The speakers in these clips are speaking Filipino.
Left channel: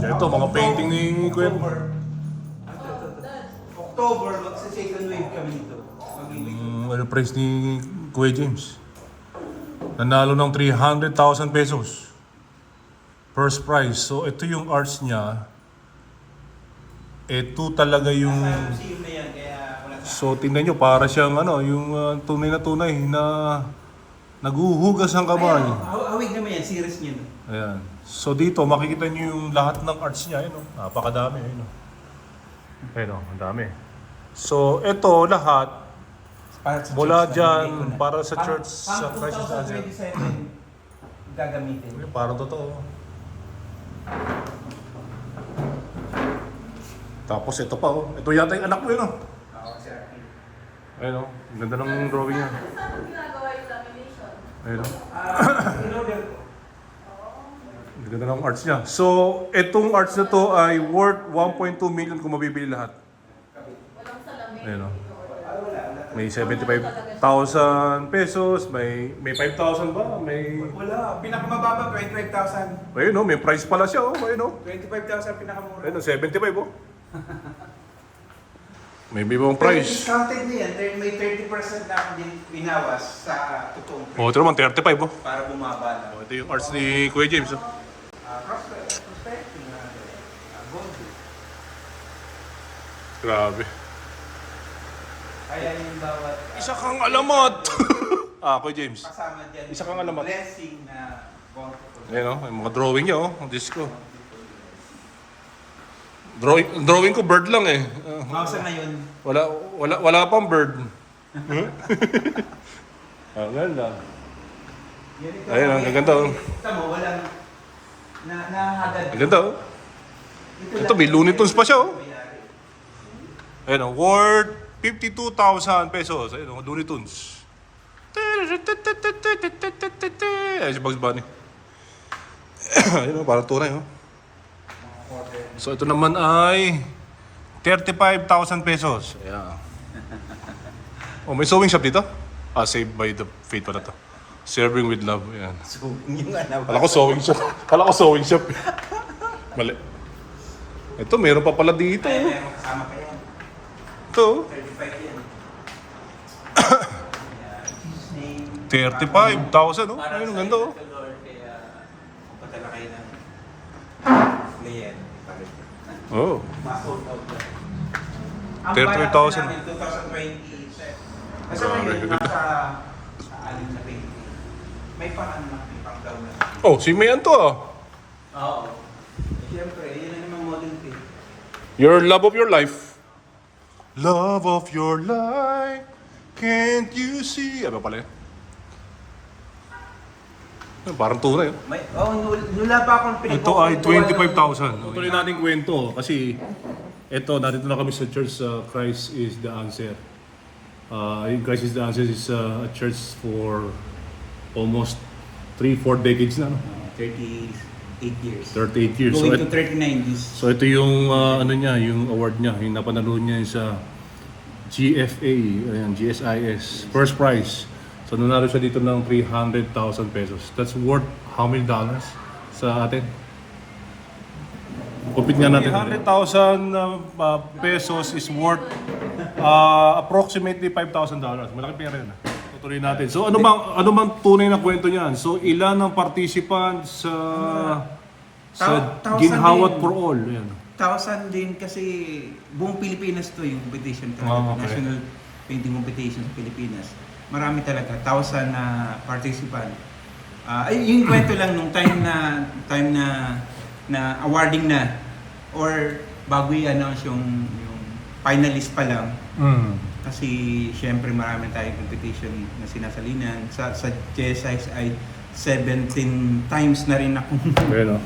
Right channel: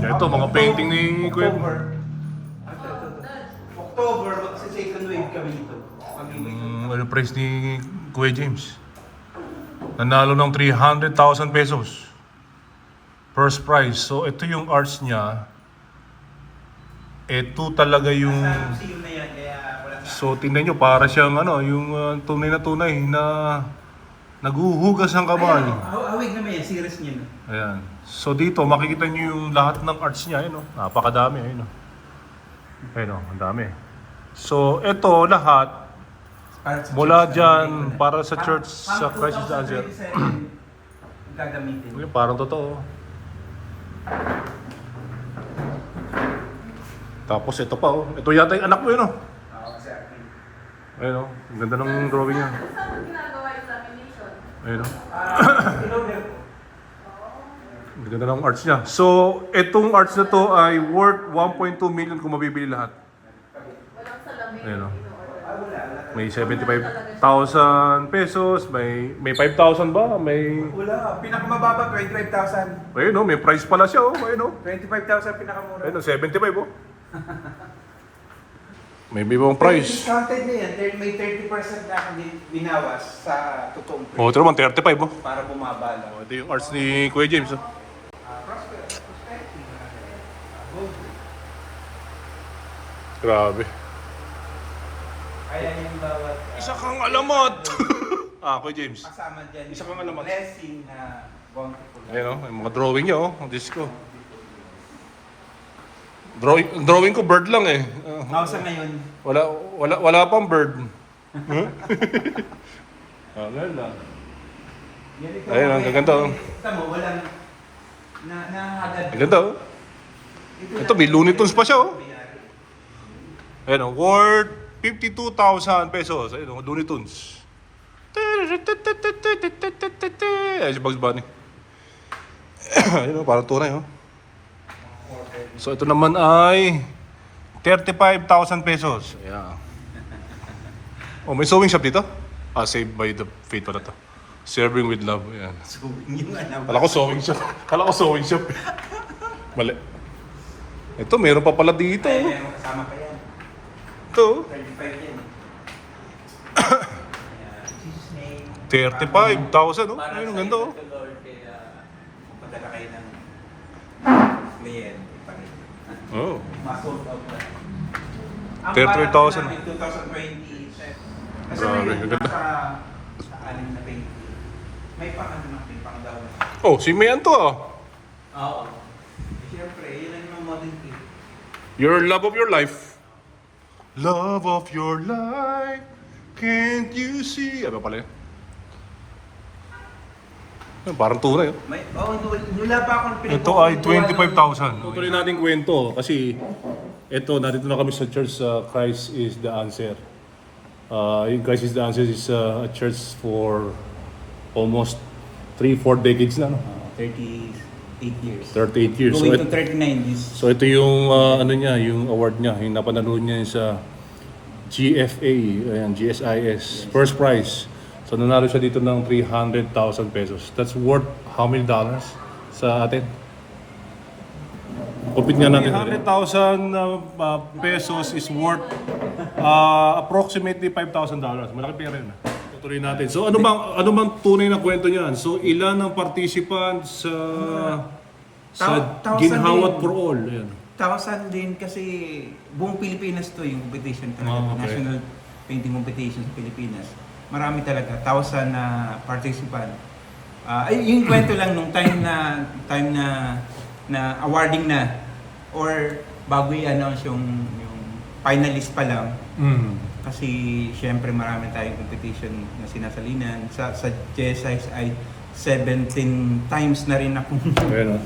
Ito, mga painting ni Kuya. October, magsa-second wave kami dito. Ano price ni Kuya James? Nanalo ng 300,000 pesos. First prize. So, ito yung arts niya. Ito talaga yung... So, tingnan nyo, para siyang ano, yung tunay na naguhugas ng kamay. Hawig naman yan, series niya. Ayan. So, dito, makikita nyo yung lahat ng arts niya. Ayun, napakadami. Ayun, ayun, ang dami. So, ito lahat, mula dyan, para sa church, sa Christ is the Answer. Gagamitin. Parang totoo. Tapos ito pa, oh. Ito yata yung anak mo yun, oh. Ayun, oh. Ang ganda ng drawing niya. Saan ginagawa examination? Ayun, oh. Ang ganda ng arts niya. So, itong arts na to ay worth 1.2 million kung mabibili lahat. Walang salamin. Ayun, oh. May 75,000 pesos, may 5,000 ba? May... Wala, pinakamababa 25,000. Ayun, oh. May price pala siya, oh. Ayun, oh. 25,000 pinakamura. Ayun, oh. 75, oh. May bibang price. Discounted na yan, may 30% na akong binawas sa totoong price. Oh, ito naman, 35, oh. Para bumaba na. Oh, ito yung arts ni Kuya James, oh. Prospecting, gold. Grabe. Kaya yung bawat Isa kang alamat! Kuya James. kasama dyan. Isa kang alamat. Blessing na bountiful. Ayan, oh. May mga drawing niya, oh. Ang disco. Drawing ko bird lang, eh. Sa ngayon, Wala pang bird. Ganda. Ayun, ang gaganda, oh. Ito mo, walang nahagad. Ang ganda, oh. Ito, may Looney Tunes pa siya, oh. Ayun, oh. Worth 52,000 pesos. Ayun, oh. Looney Tunes. Ayun, si Bugs Bunny. Ayun, oh. Parang tunay, oh. So, ito naman ay 35,000 pesos. Ayan. Oh, may sewing shop dito? Saved by the Faith pala to. Serving with love. Ayan. Kala ko sewing shop. Mali. Ito, meron pa pala dito. Meron kasama pa yan. Ito. 35 yan. 35,000, oh. Ayun, ang ganda, oh. Padala kayo ng mayor. Oh. Ma-sold out na. 33,000. 2020. Kasi Grabe, ngayon, ganda. sa anim na 20. May pangalan na pang daw na. Oh, si Mayan to, ah. Oo. Siyempre, yun na naman modern thing. Your love of your life. Love of your life. Can't you see? Ano pala yun? Parang tunay, oh. Nula pa akong Ito ay 25,000. Tutuloy natin kwento kasi ito, nandito na kami sa church Christ is the Answer. Yung Christ is the Answer is a church for almost 3-4 decades na, no? 38 years. 38 years. So, Going to 39 years. so ito yung ano niya, yung award niya, yung napanalo niya sa GFA, ayan, GSIS, first prize. So nanalo siya dito ng 300,000 pesos. That's worth how many dollars sa atin? Kupit nga natin. 300,000 pesos is worth approximately $5,000. Malaki pera yun. Tutuloy natin. So ano bang tunay na kwento niyan? So ilan ang participants sa Ginhawat for All? Ayan. 1,000 din kasi buong Pilipinas to yung competition talaga. Oh, okay. National painting competition sa Pilipinas. Marami talaga, 1,000 na participant. Yung kwento lang nung time na awarding na or bago i-announce yung finalist pa lang. Kasi syempre marami tayong competition na sinasalinan. Sa GSIS ay 17 times na rin ako. Ayan, oh.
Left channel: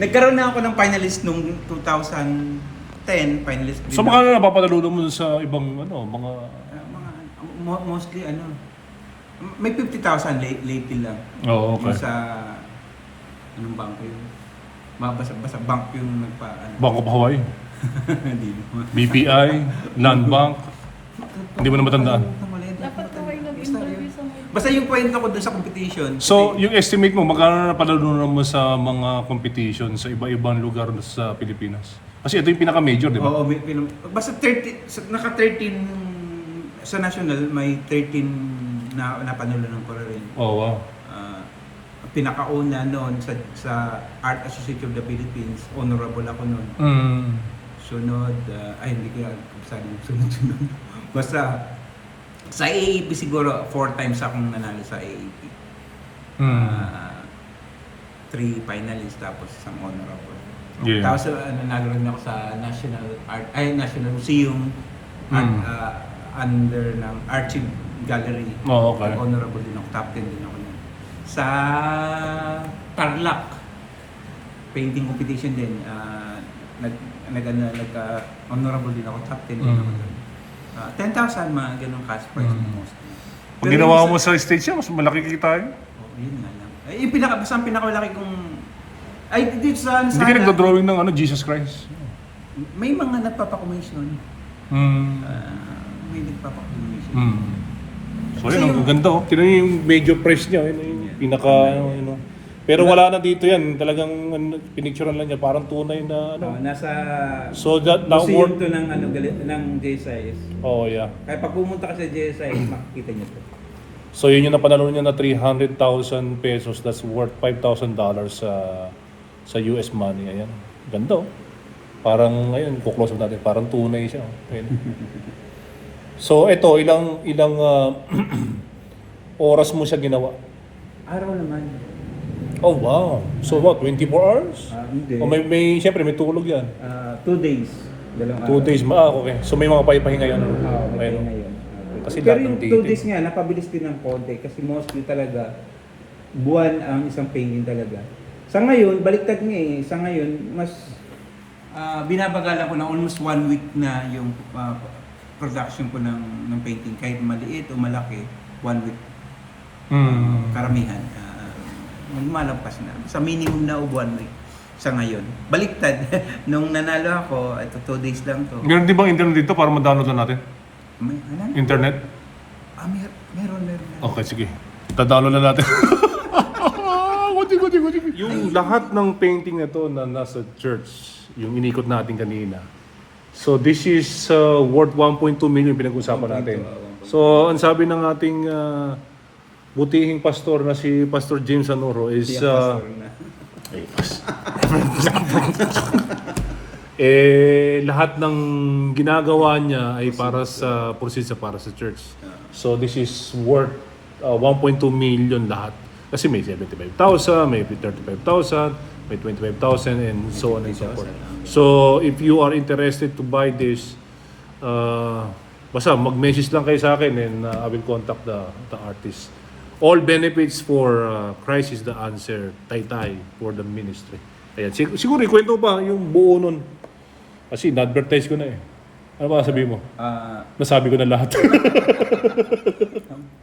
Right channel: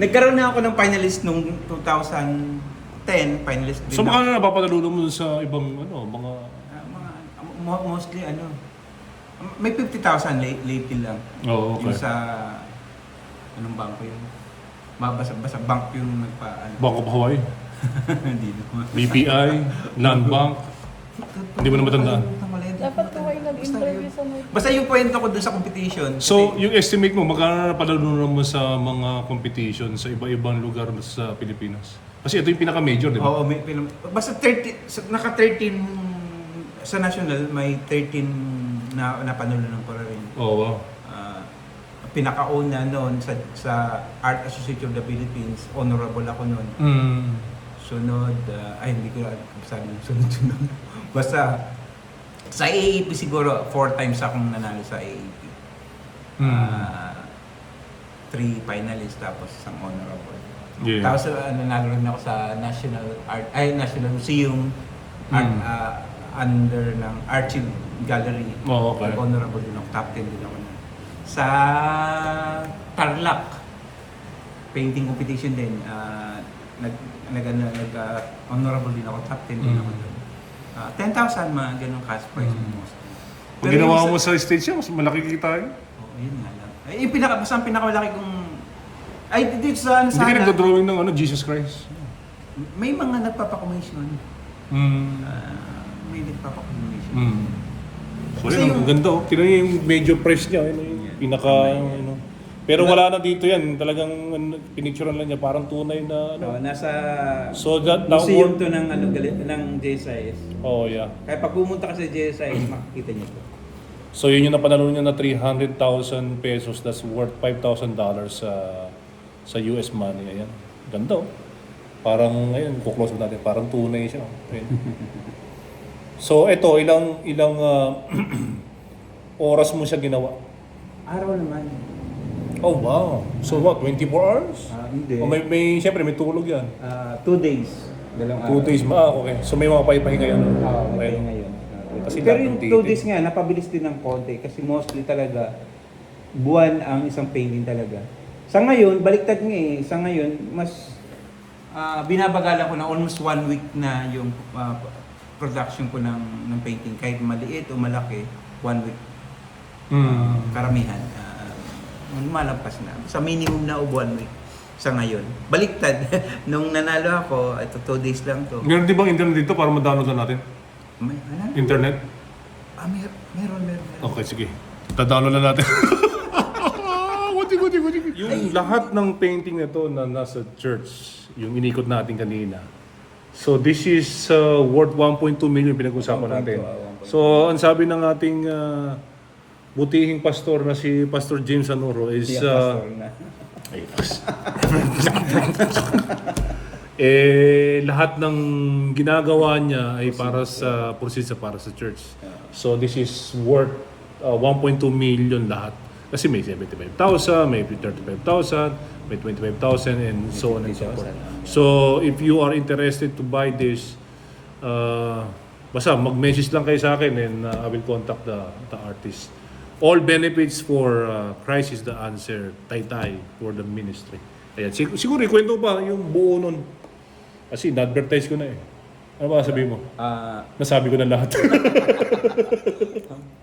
Nagkaroon na ako ng finalist nung 2010, finalist din. So baka na napapadalo mo sa ibang mga Mostly may 50,000 lately lang. Oh, okay. Yung sa anong bangko yun? Basta bank yung Bank of Hawaii, Hindi naman. BPI, Land Bank. Hindi mo na matandaan. Dapat ko ay nag-interview Basta yung kwento ko dun sa competition. So, yung estimate mo, magkano na palalunan mo sa mga competition sa iba-ibang lugar sa Pilipinas? Kasi ito yung pinaka-major, di ba? Oo, basta 30, naka 13 sa national, may 13 na napanulan ko rin. Oo, wow. Pinakauna noon sa Art Association of the Philippines, honorable ako noon. Sunod, hindi ko sabi yung sunod-sunod. Basta, sa AAP siguro, 4 times akong nanalo sa AAP. 3 finalists, tapos isang honorable. Yeah. Tapos nanalo rin ako sa National Museum, under ng Archive Gallery. Oh, okay. Honorable din ako, top 10 din ako na. Sa Tarlac, painting competition din, honorable din ako, top 10 din ako doon. 10,000 mga ganong cash prize mostly. Ang ginawa mo sa stage siya, mas malaki kita yun. Oo, yun nga lang. Basta ang pinakamalaki kong... dito sa Hindi ka nagdodrawing ng Jesus Christ. May mga nagpapakommission. May nagpapakommission. So, Kasi yun, ang ganda oh. Tinan niyo yung major prize niya. Yun, yung pinaka, ano. Pero wala na dito yan. Talagang pinicturean lang niya. Parang tunay na, ano. Nasa So that now, museum to ng JSIS. oh yeah. Kaya pag pumunta ka sa JSIS, makikita niyo to. So yun yung napanalo niya na 300,000 pesos. That's worth $5,000 sa US money. Ayan. Ganda oh. Parang, ayun, kuklose natin. Parang tunay siya. Ayan. So ito, ilang oras mo siya ginawa? Araw naman. Oh wow. So what, 24 hours? Hindi. O siyempre may tulog yan. 2 days. 2 days okay. So may mga pahipahinga yun. Oo, Ayun. ngayon. Kasi Pero lahat yung ng 2 days nga, napabilis din ng konti. Kasi mostly talaga, buwan ang isang painting talaga. Sa ngayon, baliktad nga eh. Sa ngayon, mas binabagalan ko na almost 1 week na yung production ko ng painting. Kahit maliit o malaki, 1 week. Karamihan. Malagpas na. Sa minimum na o 1 week. Sa ngayon. Baliktad. Nung nanalo ako, ito 2 days lang to. Meron di bang internet dito para ma-download lang natin? May, ano? Internet? Meron. Okay, sige. Download na natin. Yung lahat ng painting na to na nasa church, yung inikot natin kanina. So this is worth 1.2 million pinag-usapan natin. So ang sabi ng ating butihing pastor na si Pastor James Anoro is lahat ng ginagawa niya ay para sa para sa church. So this is worth 1.2 million lahat. Kasi may 75,000, may 35,000, may 25,000 and so on and so forth. So if you are interested to buy this, basta mag-message lang kayo sa akin and I will contact the artist. All benefits for Christ is the answer, Taytay, for the ministry. Ayan. Siguro ikwento ba yung buo nun? Kasi na-advertise ko na eh. Ano ba sabihin mo? Nasabi ko na lahat.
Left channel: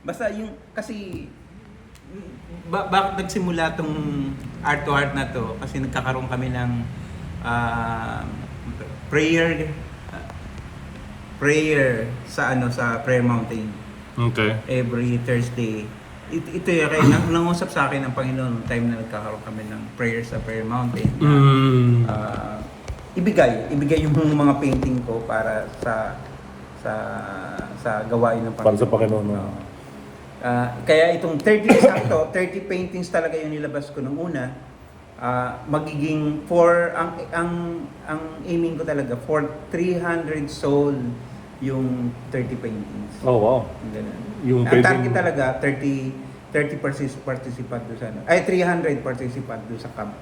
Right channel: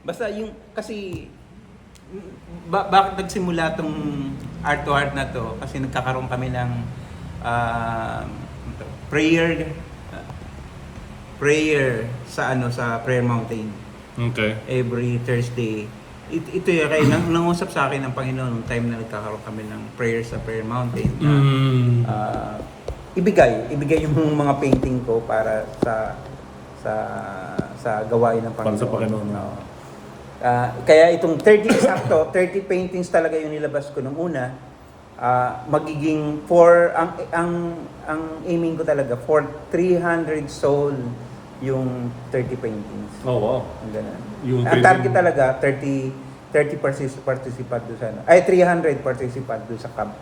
Basta yung, kasi, bakit nagsimula tong art to art na to? Kasi nagkakaroon kami ng prayer sa Prayer Mountain. Okay. Every Thursday. Ito yung kaya nangusap sa akin ng Panginoon nung time na nagkakaroon kami ng prayer sa Prayer Mountain. Ibigay yung mga painting ko para sa gawain ng Panginoon. Para sa Panginoon. Kaya itong 30 paintings talaga yung nilabas ko nung una. Magiging ang aiming ko talaga for 300 soul yung 30 paintings. Oh wow. Ganun. painting- Ang target talaga 30 participant doon sa 300 participant doon sa camp.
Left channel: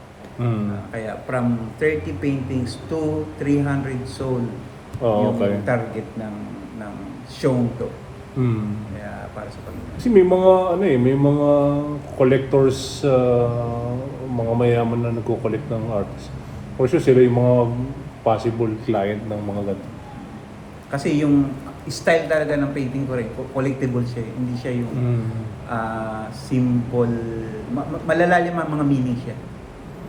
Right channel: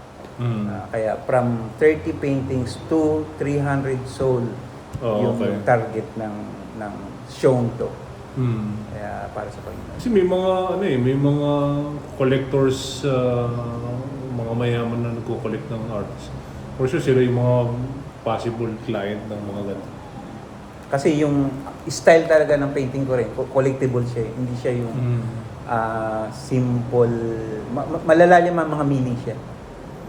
Kaya from 30 paintings to 300 soul yung okay. target ng shown to. Kaya para sa Panginoon. Kasi may mga collectors, mga mayaman na nagko-collect ng arts. For sure sila yung mga possible client ng mga ganito. Kasi yung style talaga ng painting ko rin, collectible siya. Hindi siya yung simple, malalalim ang mga meaning siya.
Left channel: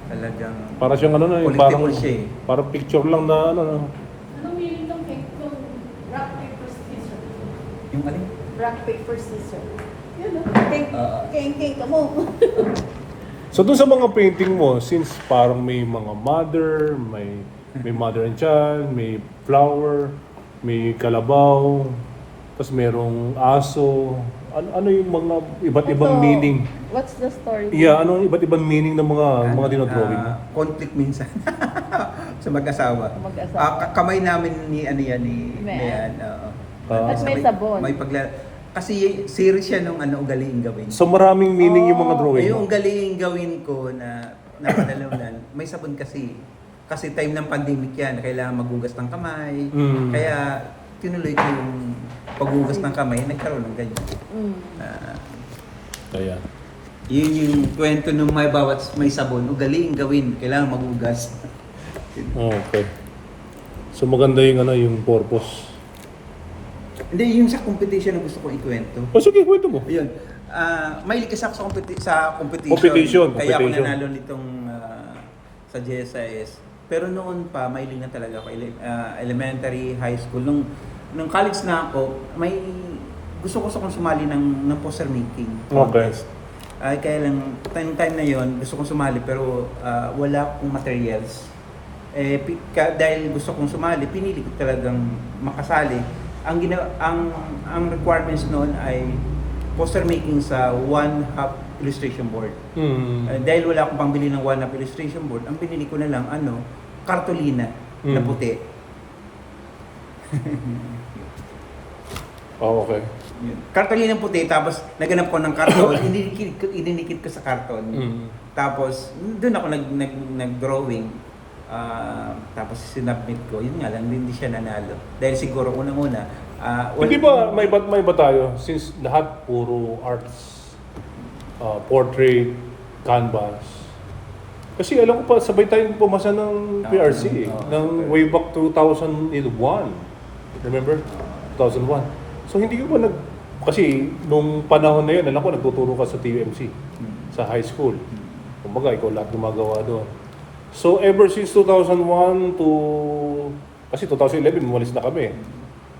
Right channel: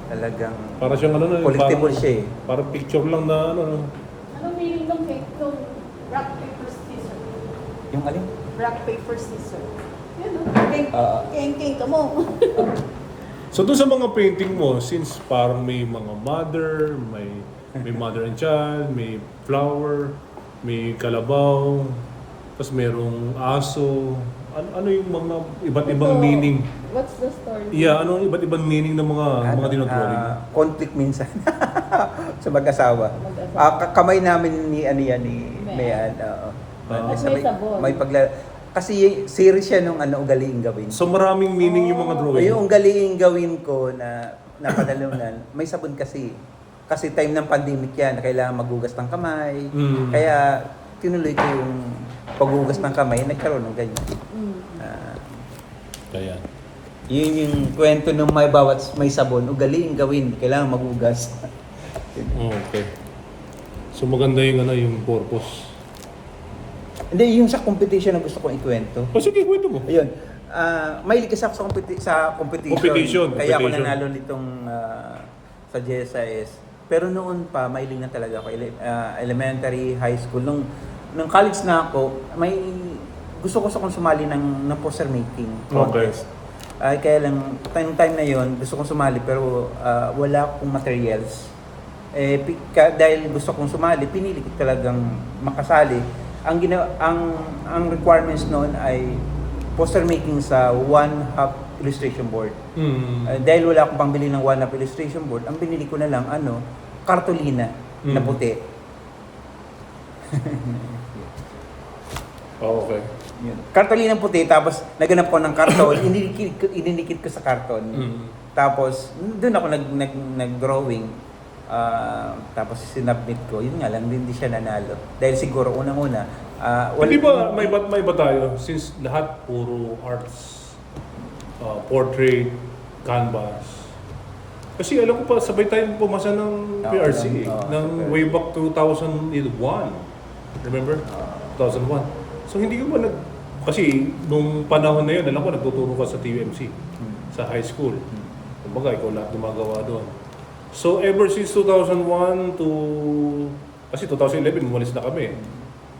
Talagang Para siyang collectible parang, siya eh. Parang picture lang na Anong yung rock, paper, scissors? Yung alin? Rock, paper, scissors. Yun o. King ka mo. So doon sa mga painting mo, since parang may mga mother, may mother and child, may flower, may kalabaw, tapos merong aso, ano yung mga iba't ibang Ito, meaning? What's the story? Yeah, ano ang iba't ibang meaning ng mga dinodrawing mo? Conflict minsan sa mag-asawa. Kamay namin ni Mayan. At may sabon. Kasi series siya nung ugaliing gawin. So maraming meaning yung mga drawing mo? Yung ugaliing gawin ko na napadalunan, may sabon kasi. Kasi time ng pandemic yan, kailangan maghugas ng kamay. Mm. Kaya tinuloy ko yung paghugas ng kamay, nagkaroon ng ganyan. Kaya. Yun yung kwento ng may sabon, ugaliing gawin, kailangan maghugas. Okay. So maganda yung purpose. Hindi, yun sa competition na gusto kong ikwento. Oh, sige, kwento mo. Ayun. Mahilig kasi ako sa competition. Kaya ako Competition. nanalo nitong sa GSIS. Pero noon pa, mahilig na talaga ako. Elementary, high school. Nung college na ako, gusto ko sumali ng poster making contest. Kaya lang, time na yon gusto kong sumali pero wala akong materials. Dahil gusto kong sumali, pinili ko talagang makasali. Ang requirements noon ay poster making sa 1/2 illustration board. Dahil wala akong pambili ng 1/2 illustration board, ang binili ko na lang kartolina na puti. Oh, okay. Yun. Kartolina puti, tapos naganap ko ng karton, ininikit ko sa karton. Tapos doon ako nag-drawing. Tapos sinubmit ko, yun nga lang, hindi siya nanalo. Dahil siguro unang-una, Hindi ba may iba tayo since lahat puro arts, portrait, canvas. Kasi alam ko pa sabay tayong pumasa ng PRC ng way back 2001. Remember? 2001. So hindi ko ba kasi nung panahon na yun, alam ko nagtuturo ka sa TUMC sa high school. Kumbaga ikaw lahat gumagawa doon. So ever since 2001 to kasi 2011 umalis na kami.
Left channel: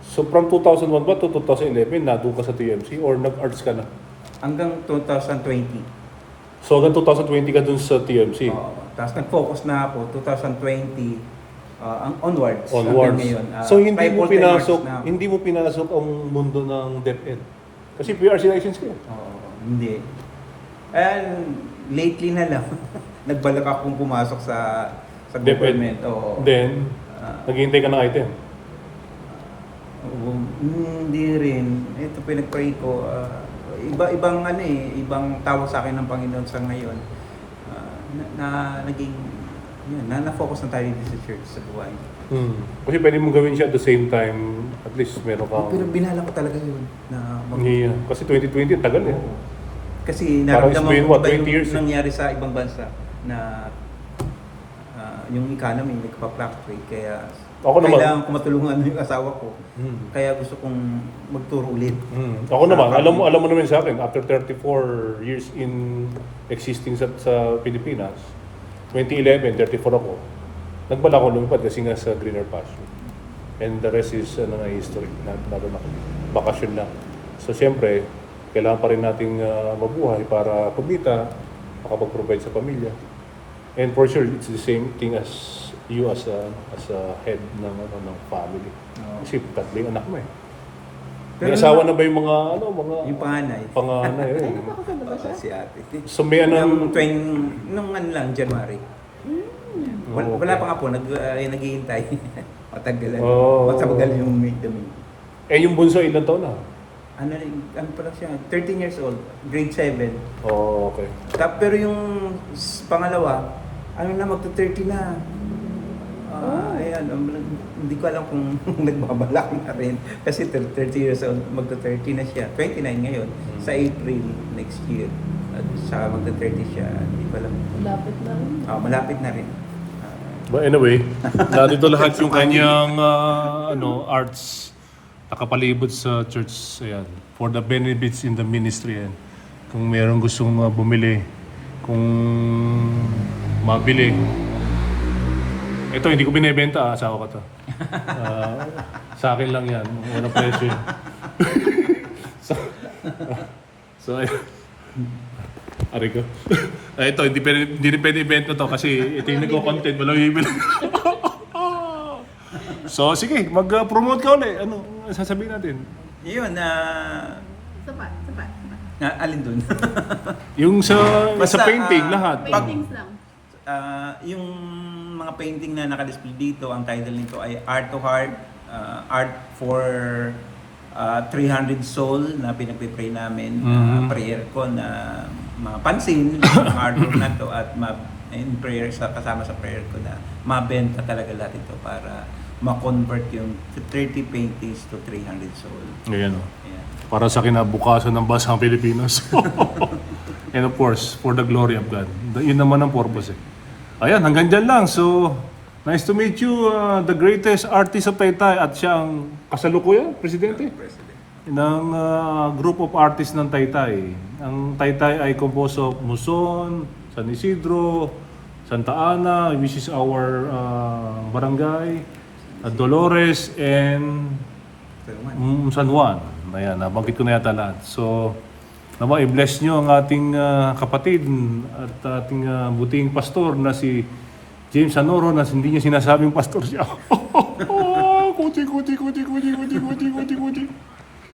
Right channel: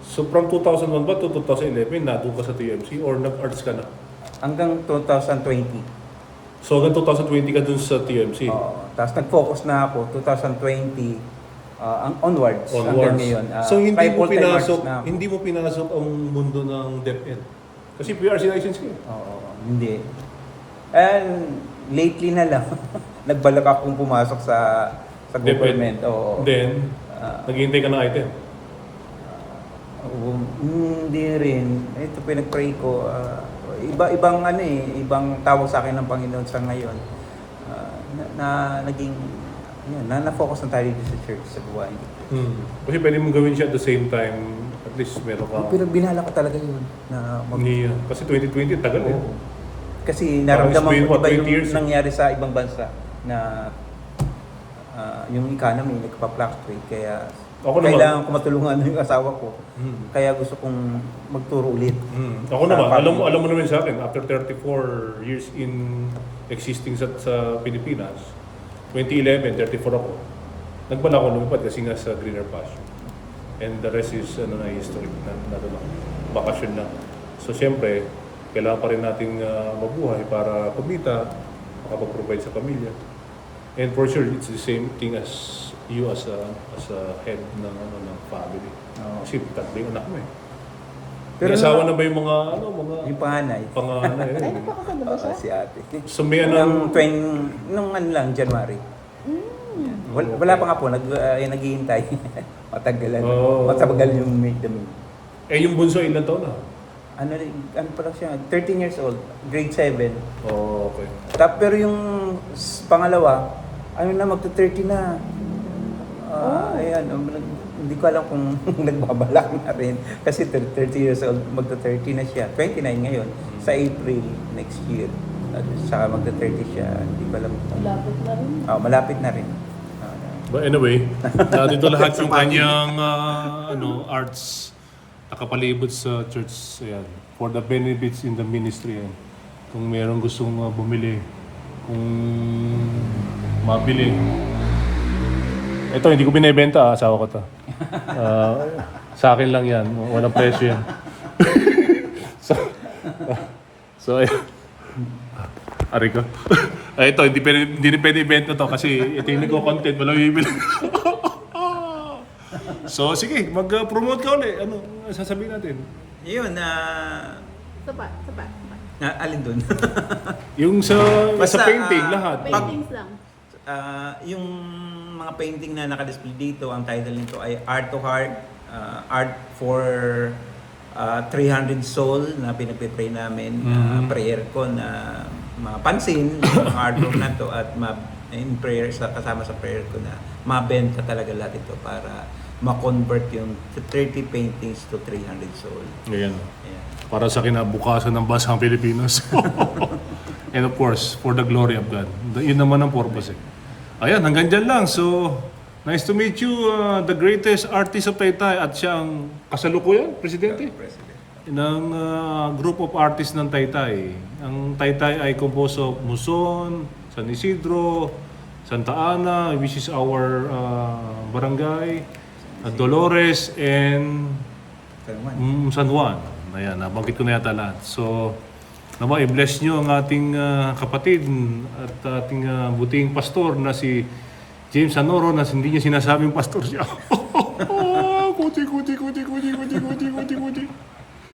So from 2001 ba to 2011 nandun ka sa TMC or nag-arts ka na? Hanggang 2020. So hanggang 2020 ka dun sa TMC? Tapos nag-focus na ako 2020 onwards hanggang ngayon. So na hindi mo pinasok ang mundo ng DepEd? Kasi PRC license ka. Hindi. And lately na lang nagbalak akong pumasok sa government. Then, naghihintay ka ng item? Hindi rin. Ito pinag-pray ko. Ibang tawag sa akin ng Panginoon sa ngayon. Na-focus na tayo dito sa church, sa buhay. Kasi pwede mong gawin siya at the same time, at least meron ka. Pero binala ko talaga yun. Kasi 2020, tagal eh. Kasi naramdaman ko iba yung years. nangyari sa ibang bansa na yung economy nagpa-fluctuate, kaya kailangan ko matulungan yung asawa ko. Kaya gusto kong magturo ulit. Ako naman, alam mo naman sa akin, after 34 years in existing sa Pilipinas, 2011, 34 ako, nagbala ko lungpad kasi nga sa greener pasture. And the rest is history. Naroon ako. Bakasyon na. So siyempre, kailangan pa rin nating mabuhay para kumita, makapag-provide sa pamilya. And for sure, it's the same thing as you as a head ng family. Kasi tatlong anak mo eh. Pero may asawa na ba yung mga yung panganay? Panganay. Si ate. So may anong... Nung January. Wala pa nga po, naghihintay. Matagalan. Matabagal yung dami. Yung bunso, ilan taon na? Ano pa lang siya, 13 years old, grade 7. Okay. Pero yung pangalawa, magto-30 na. Hindi ko alam kung nagbabalak na rin. Kasi 30 years old, magto-30 na siya. 29 ngayon, sa April next year. At saka magto-30 siya, hindi ko alam. Malapit na rin. Malapit na rin. But anyway, narito lahat yung kanyang arts nakapalibot sa church. Ayan, for the benefits in the ministry. Ayan. Kung mayroong gustong bumili, kung mabili. Ito, hindi ko binibenta, asawa ko to. Sa akin lang yan, walang presyo yan. So, ayun. Aray ko. Ay, ito, hindi rin pwede ibenta to kasi ito yung nagko-content, walang bibili. So, sige, mag-promote ka ulit. Ano sasabihin natin? Yun, Sapat. alin dun? Yung sa Basta, painting, lahat. Paintings lang. Yung mga painting na nakadisplay dito, ang title nito ay Art to Heart, Art for 300 Soul na pinagpipray namin. Prayer ko na mapansin yung artwork na to at in prayer, kasama sa prayer ko na mabenta talaga lahat ito para ma-convert yung 30 paintings to 300 soul. Ngayon. Yeah. Para sa kinabukasan ng bansang Pilipinas. And of course, for the glory of God. Yun naman ang purpose eh. Ayan, hanggang dyan lang. So, nice to meet you, the greatest artist of Taytay. At siya ang kasalukuyan, Presidente, ng group of artists ng Taytay. Ang Taytay ay composed of Muson, San Isidro, Santa Ana, which is our barangay, Dolores, and San Juan. Ayan, nabanggit ko na yata lahat. So, nawa i-bless nyo ang ating kapatid at ating buting pastor na si James Anoro na hindi niya sinasabing pastor siya. Kuti.